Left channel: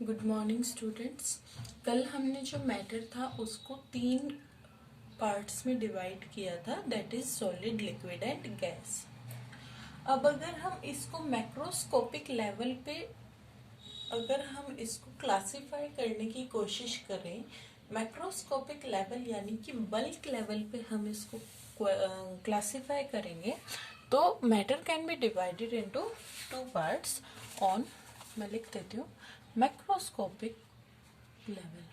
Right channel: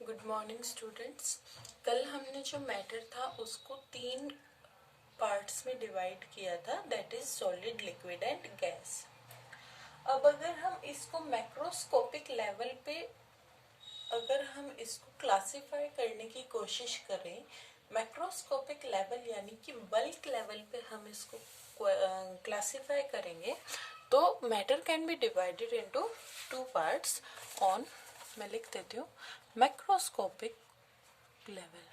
Good morning students. कल हमने जो मैटर था उसको 3 पार्ट्स में डिवाइड किया था, that is solid, liquid and gas. अब अगर हम इसको मैक्रोस्कोपिक लेवल पे अगर हम इसको क्लासिफाई करने की कोशिश करें, मैक्रोस्कोपिक लेवल यानी कि बल्क लेवल पे हम इसको क्लासिफाई करेंगे तो matter can be divided into 2 parts on, मैं लिख देती हूँ, macroscopic level.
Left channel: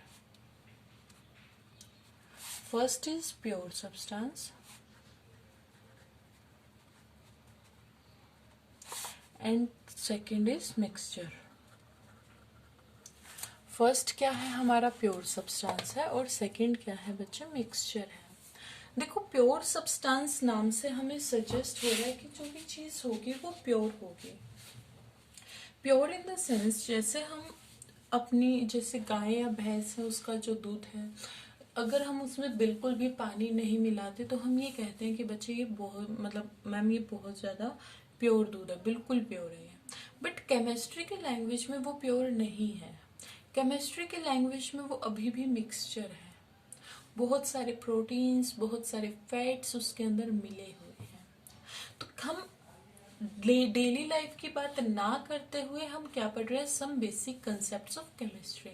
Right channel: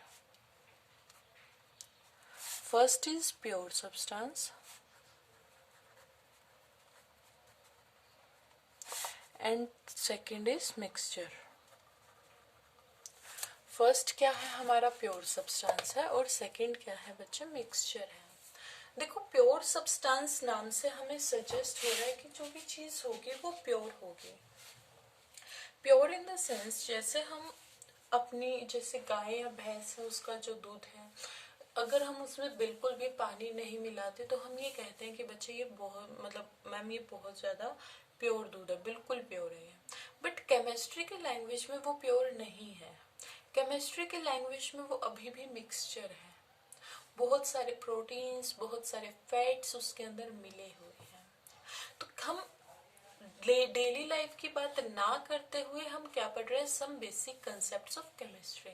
First is pure substance and second is mixture. First क्या है हमारा प्योर सब्सटेंस है और सेकंड क्या है बच्चे, मिक्सचर है। देखो प्योर सब्सटेंस नाम से हमें सजेस्ट हो रहा है कि जो भी चीज होगी वो प्योर होगी। प्योर इन द सेंस जैसे हम अपनी, जैसे गाय या भैंस है उसका जो दूध है, अगर हम उसमें बिल्कुल भी पानी नहीं मिलाते तो हम ये कहते हैं कि बच्चे ये बहुत, मतलब मैम ये बहुत ज़्यादा प्योर दूध है, बिल्कुल प्योर है। बट केमिस्ट्री के लैंग्वेज में वो प्योर नहीं है। केमिस्ट्री के लैंग्वेज में वो अभी भी मिक्सचर है। बहुत सारे प्रोटीन्स, बहुत सारे फैट्स उसके अंदर मिले हुए हैं। तो हम डेली लाइफ की बात ना करते हुए हम क्या पढ़ रहे हैं, some basic concepts of chemistry.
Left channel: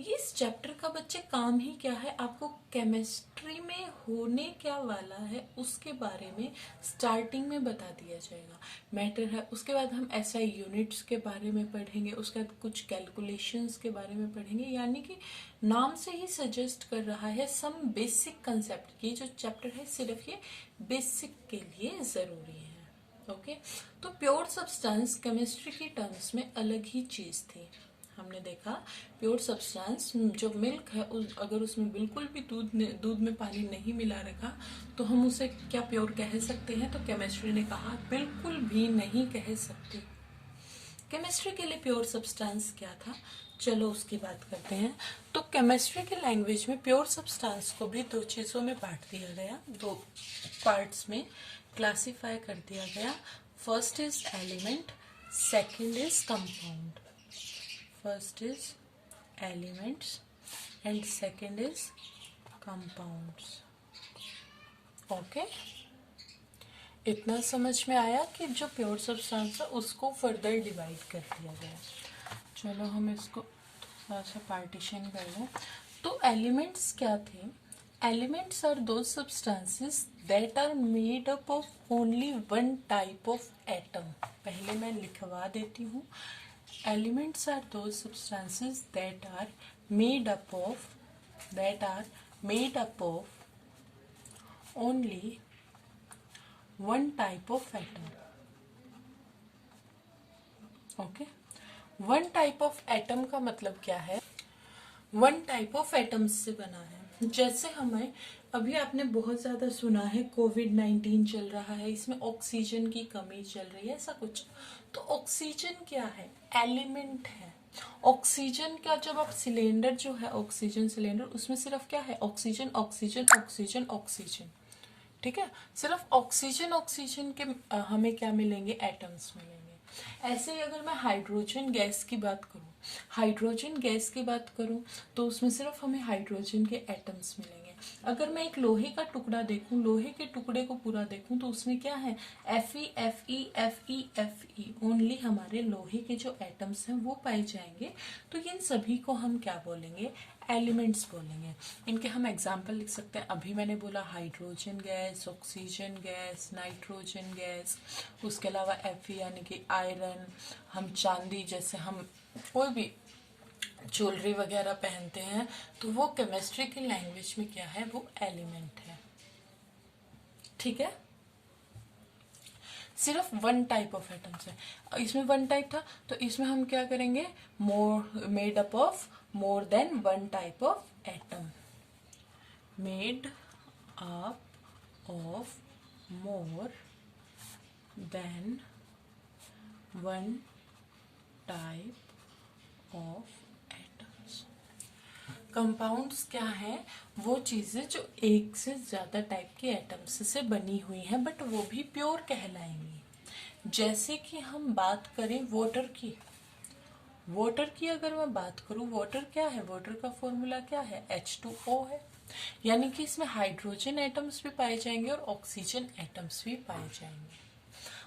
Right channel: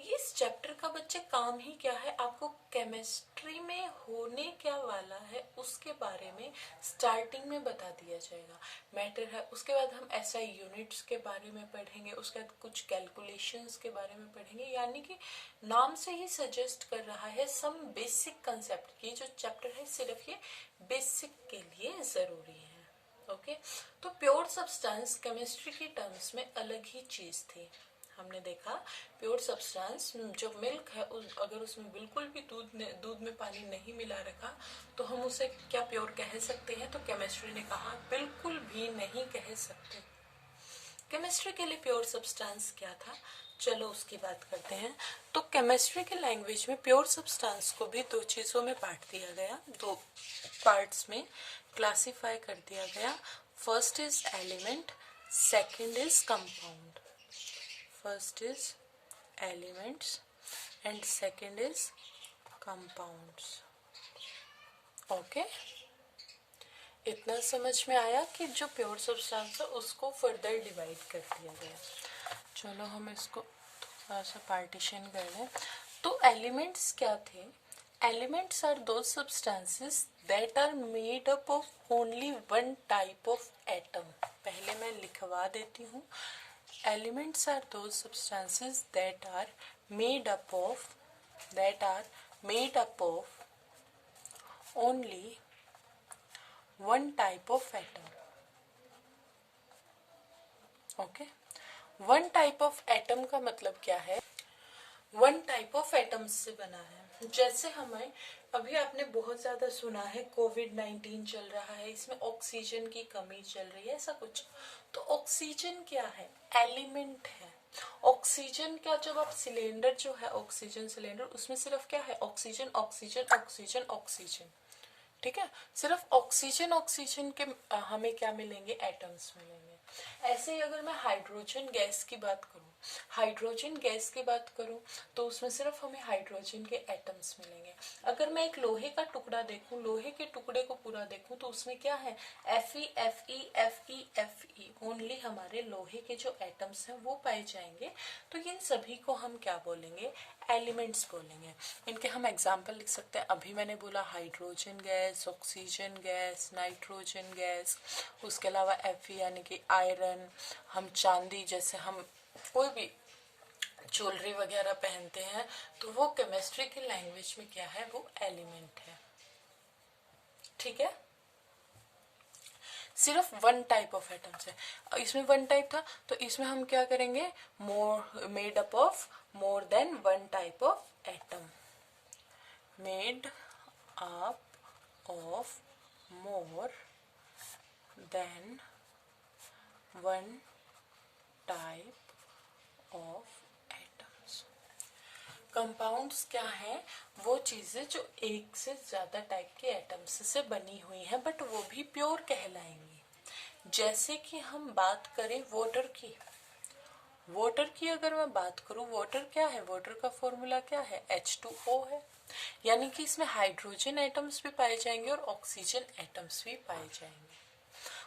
ये इस चैप्टर का बच्चे काम ही क्या है, आपको केमिस्ट्री में होने क्या वाला है उसके बारे में स्टार्टिंग में बता दिया जाएगा। मैटर है, उसके बाद हम एसआई यूनिट्स के बारे में पढ़ेंगे, उसके बाद कुछ कैलकुलेशंस के बारे में पढ़ेंगे। यानी कि नाम से ही सजेस्ट कर रहा है सम बेसिक कंसेप्ट। ये जो चैप्टर है सिर्फ ये बेसिक के लिए जरूरी है। ओके तो प्योर सब्सटेंस केमिस्ट्री की टर्म्स में अलग ही चीज थी। हमने देखा प्योर सब्सटेंस जो मिल्क है अगर उसमें बिल्कुल भी दूध में पानी नहीं मिला रखा तो हम उसे क्या प्योर कह सकते हैं, तो केमिस्ट्री ने कहा बिल्कुल भी नहीं कह सकते। केमिस्ट्री के लिए प्योर सब्सटेंस क्या था, चलो उसकी बात करते हैं। तो केमिस्ट्री के लैंग्वेज में प्योर सब्सटेंस को भी 2 चीजों में बांट दिया गया, 2 पार्ट्स में क्लासिफाई कर दिया गया। First is element, second is compound. First is elements and second is compounds. Okay, इतना समझ में आया कि जो प्योर सब्सटेंस है उसको फर्दर डिवाइड कर दिया गया। चलो हम इसको थोड़ा सा पार्टीशन कर लें। तो एलिमेंट्स क्या थे, elements are those substances that are made up of only one type of atom. पहले मैं लिखवा देती हूँ, elements are those substances that are made up of only one type of atom. Okay, one type of atom का मतलब क्या है, one type of atoms से बना है। जैसे हमें अभी आपने बहुत ज्यादा सुना है कोविड-19 चल रहा है, इसमें ऑक्सीजन की कमी चल रही है, ऐसा कुछ। तो ऑक्सीजन क्या है, एलिमेंट है। ऑक्सीजन का जब आप सिलेंडर जो है ऑक्सीजन सिलेंडर, उसमें सिर्फ क्या है, ऑक्सीजन ऑक्सीजन ऑक्सीजन ऑक्सीजन, ठीक है। सिर्फ ऑक्सीजन ऑक्सीजन के हमें क्या मिलेंगे, एटम्स मिलेंगे। ऐसे ही अगर मैं हाइड्रोजन गैस की बात करूं, हाइड्रोजन गैस की बात करूं तो उसमें सिर्फ हमें हाइड्रोजन के एटम्स मिलेंगे। अगर मैं एक लोहे का टुकड़ा देखूं, लोहे के टुकड़े को पूरा देखूं तो उसमें क्या है, Fe Fe Fe Fe, only हमारे लोहे के जो एटम्स हैं वो पाए जाएंगे। तो इन सभी को हम क्या बोलेंगे, एलिमेंट्स बोलेंगे। इनके हम एग्जाम्पल लिख सकते हैं, अभी मैंने बोला hydrogen gas, oxygen gas, nitrogen gas, उसके अलावा Fe यानी कि आयरन, हम चांदी, जैसे हम कोई भी ज्वेलरी वगैरह पहनते हैं तो वो केमिस्ट्री की लैंग्वेज में क्या है, वो एलिमेंट है। ठीक है, सिर्फ वन टाइप ऑफ एटम्स है। इसमें वन टाइप था तो इसमें हम क्या करेंगे, more made up of more than one type of atom, made up of more than one type of atoms. Compounds क्या है, वो चीजें जो एक से ज्यादा टाइप के एटम्स से बनी हुई हैं बट वो भी प्योर कहलाएंगी। जैसे कि हम बात करें वाटर की, वाटर की अगर मैं बात करूं, वाटर क्या है, वाटर का फॉर्मूला क्या है, H2O है, यानी कि इसमें हाइड्रोजन एटम्स भी पाए जाएंगे और ऑक्सीजन एटम्स भी पाए जाएंगे।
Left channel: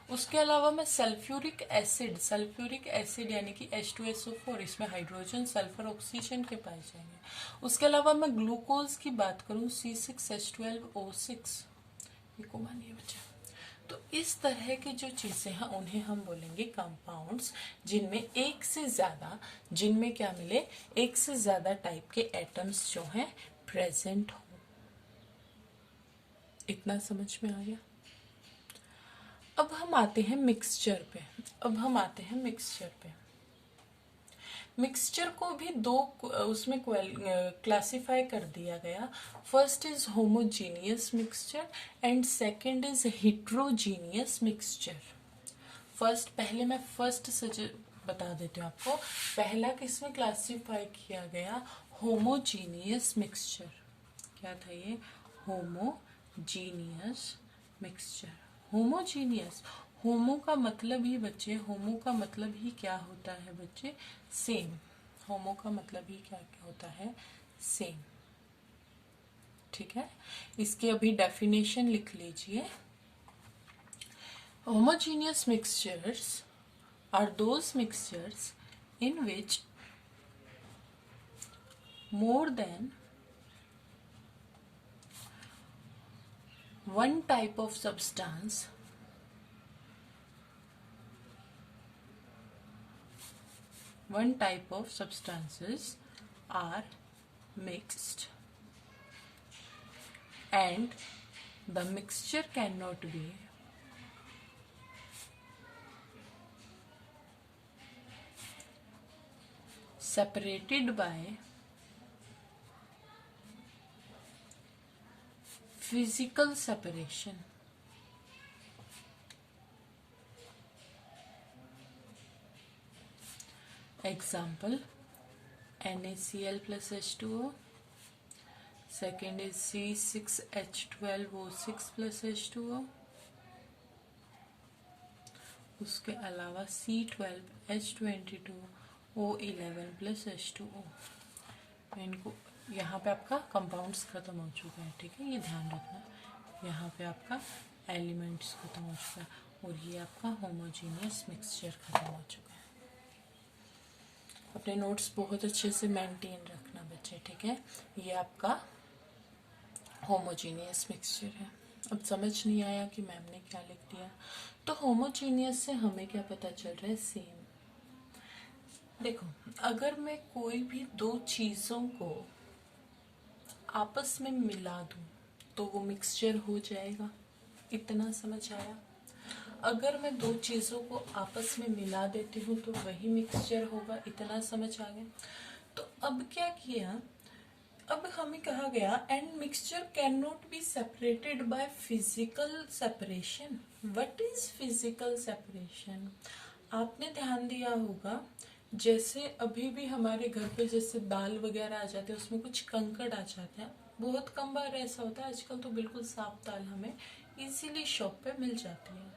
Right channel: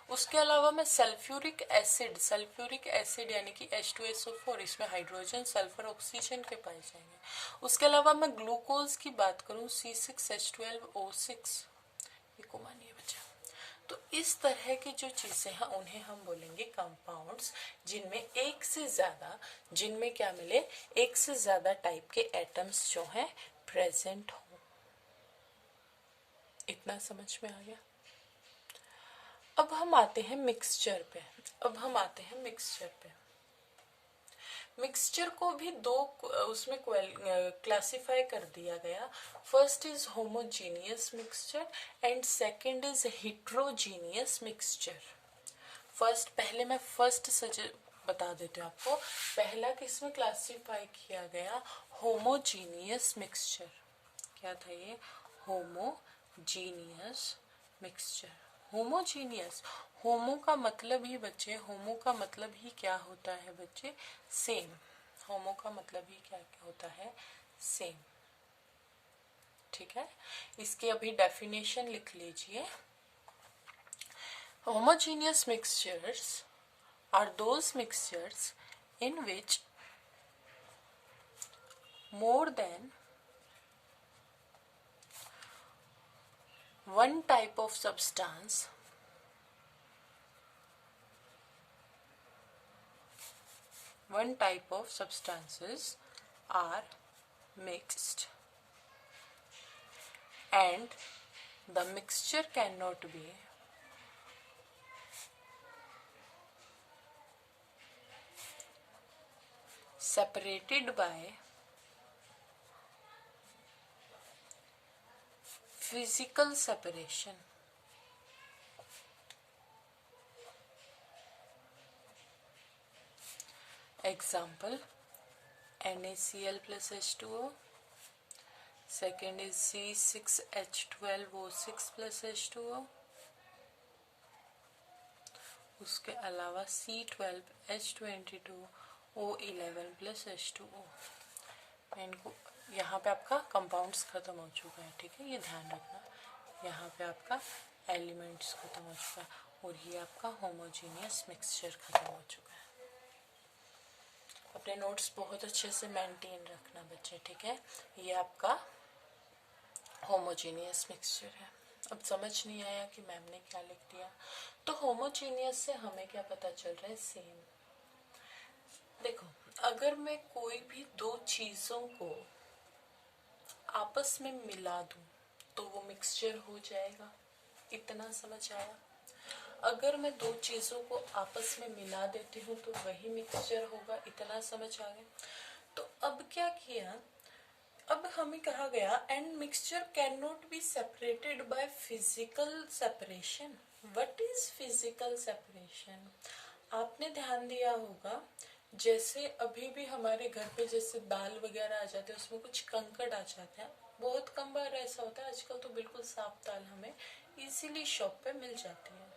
उसके अलावा मैं सल्फ्यूरिक एसिड यानी कि H2SO4, इसमें हाइड्रोजन सल्फर ऑक्सीजन के पाए जाएंगे। उसके अलावा मैं ग्लूकोज की बात करूं, C6H12O6, ये को मानिए बच्चा। तो इस तरह की जो चीजें हैं उन्हें हम बोलेंगे कंपाउंड्स, जिनमें क्या मिले, एक से ज्यादा टाइप के एटम्स जो हैं प्रेजेंट हो। इतना समझ में आ गया। अब हम आते हैं मिक्सचर पे। मिक्सचर को भी दो उसमें क्लासिफाई कर दिया गया। First is homogeneous mixture and second is heterogeneous mixture. पहले मैं बता देती हूँ आपको। पहला किसमें क्लासिफाई किया गया, होमोजीनियस मिक्सचर। क्या था ये, होमोजीनियस मिक्सचर। होमोजीनियस, होमो का मतलब ही क्या होता है बच्चे, सेम। होमो का मतलब ही क्या क्या होता है, सेम। ठीक है, इसकी अभी डेफिनेशन लिख लीजिए। Homogeneous mixtures are those mixtures in which more than one type of substances are mixed, and the mixture cannot be separated by physical separation. Example, NaCl plus H2O. Second is C6H12O6 plus H2O. उसके अलावा C12H22O11 plus H2O। इनको यहाँ पे आपका compounds खत्म हो चुका है, ठीक है, ये ध्यान रखना। यहाँ पे आपका एलिमेंट्स खत्म हो चुका है और ये आपका होमोजीनियस मिक्सचर खत्म हो चुका है। अपने नोट्स बहुत अच्छे से मेंटेन रखना बच्चे, ठीक है। ये आपका होमोजीनियस मिक्सचर है। अब समझ नहीं आया कि मैम ने क्या लिख दिया। तो होमोजीनियस से हमें क्या पता चल रहा है, सेम। देखो, अगर मैं कोई भी दो चीजों को आपस में मिला दूं तो वो मिक्सचर हो जाएगा। इतना समझ आया। अगर मैं दो चीजों को आपस में मिला देती हूँ तो वही मिक्सचर होगा। इतना समझ आ गया। तो अब क्या किया, अब हमें कहा गया and mixture can not be separated by physical separation. What is physical separation? आपने ध्यान दिया होगा, जैसे अभी भी हमारे घर पे जैसे दाल वगैरह आ जाते हैं उसमें कुछ कंकड़ आ जाता है। बहुत कम बार ऐसा होता है, आजकल तो बिल्कुल साफ दाल हमें इजीली शॉप पे मिल जाती है।